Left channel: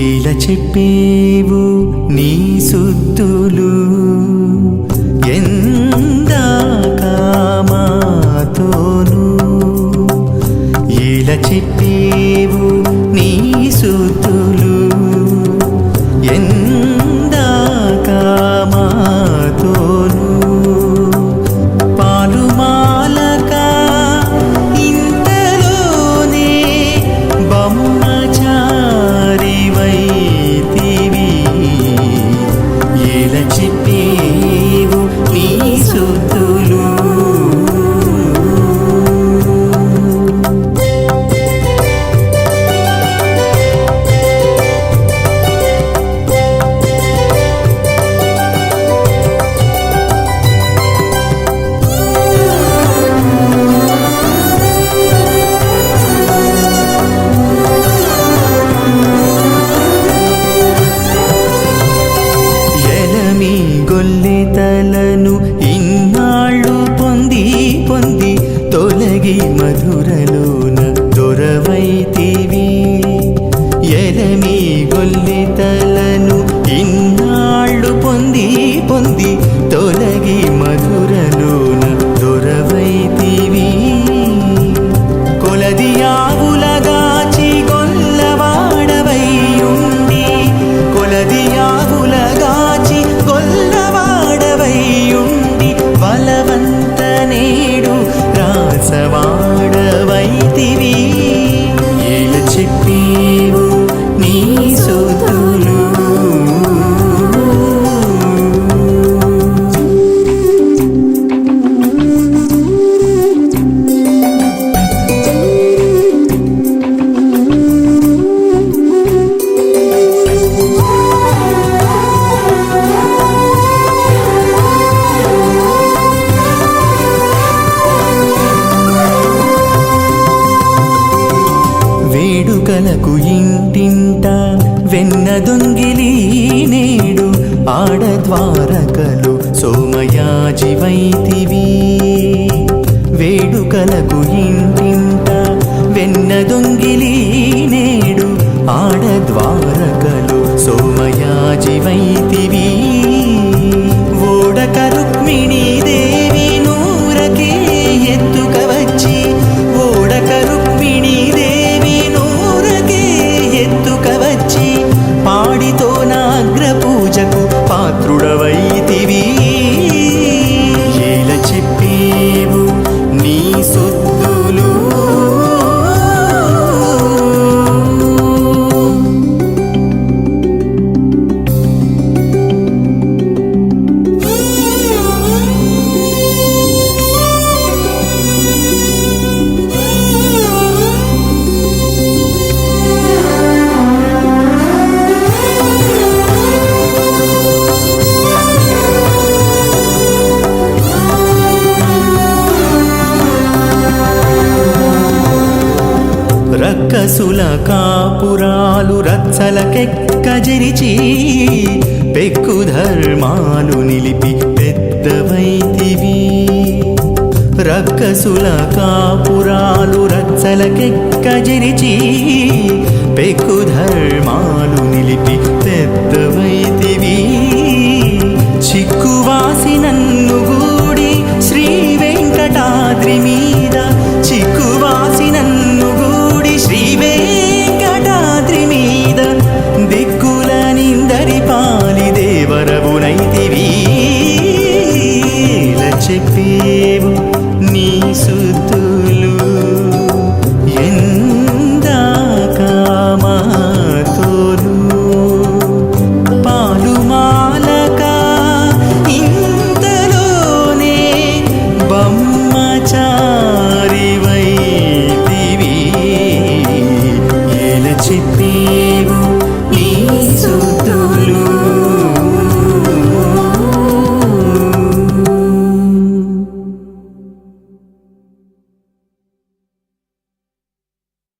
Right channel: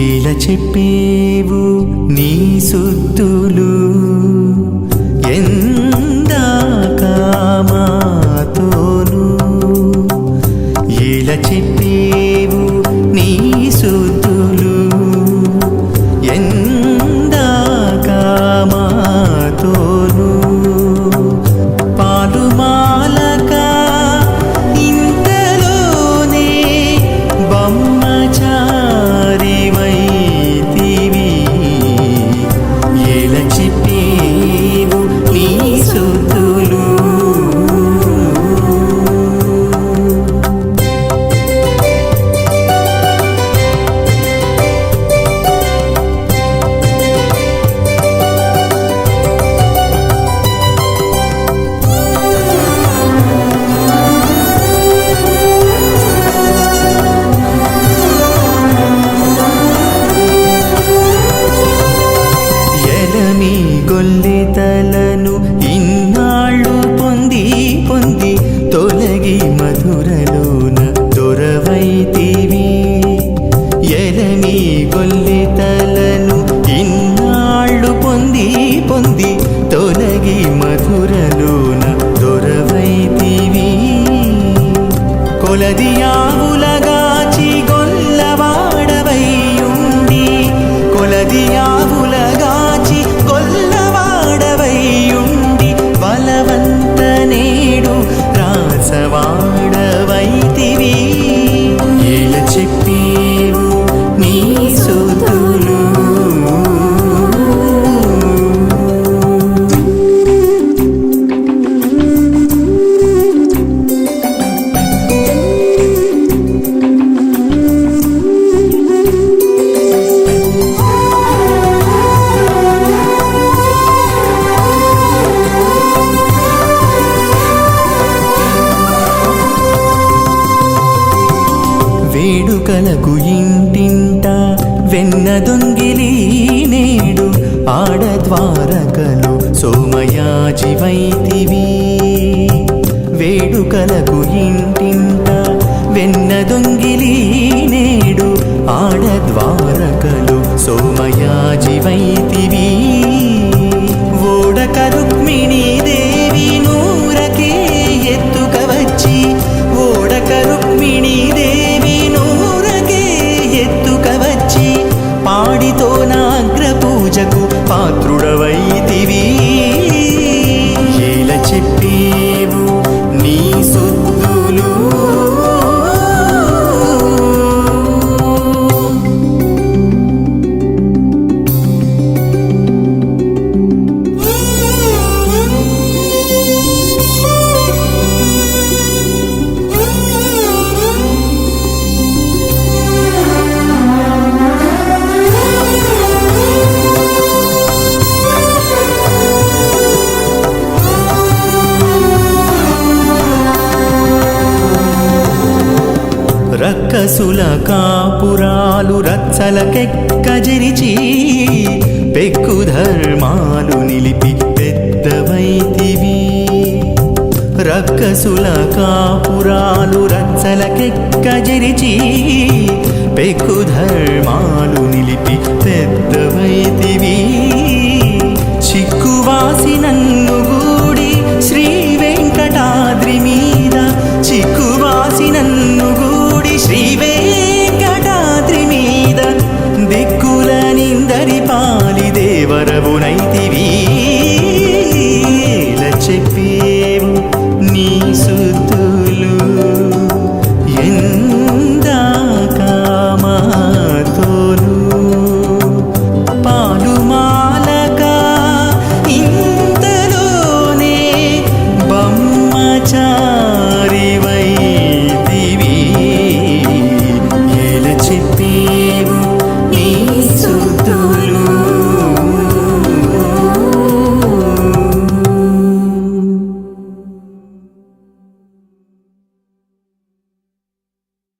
ఇలా చెప్పేవు నీ సుద్దులు ఎందాక మాతోను ఇలా చెప్పేవు నీ సుద్దులు ఎందాక మాతోను గొల్లెతలను ఇన్నాళ్ళు పొంది పొంది తొలగి మధురలోన దొరవైతివి. ఎలమి గొల్లెతలను ఇన్నాళ్ళు పొంది పొంది తొలగి మధురలోన దొరవైతివి. కొలది ఆవులగా రాసవాడవైతివి ఏల చెప్పేవు వేడుకలకు ఇంటింట వెన్న దొంగిలి నేడు ఆడద్వారకలు సోమయాజివైతివి వేడుకలకు ఇంటింట వెన్న దొంగిలి నేడు ఆడద్వారకలు సోమయాజివైతివి ఓడక రుక్మిణీ దేవి నూరకే ఎత్తుక వచ్చి ఓడక రుక్మిణీ దేవి పూజకు పాత్రుడవైతివి. ఏల చెప్పేవు నీ సొద్దు రక్కసుల కాపురాలు రచ్చలకెక్కజరిచి పెక్కు ధర్మాలు నిలిపి పెద్దవైతివి. రక్కసుల కాపురాలు రచ్చలకెక్కజరిచి పెక్కు ధర్మాలు నిలిపి పెద్దవైతివి. చిక్కువాసి నన్ను గూడి శ్రీ వెంకటాద్రి వరవునైతివి చెప్పేవు నీ సుతులు. ఎందాక మాతోలు పాలు మాలక ఇంతలోనే బొమ్మచారివై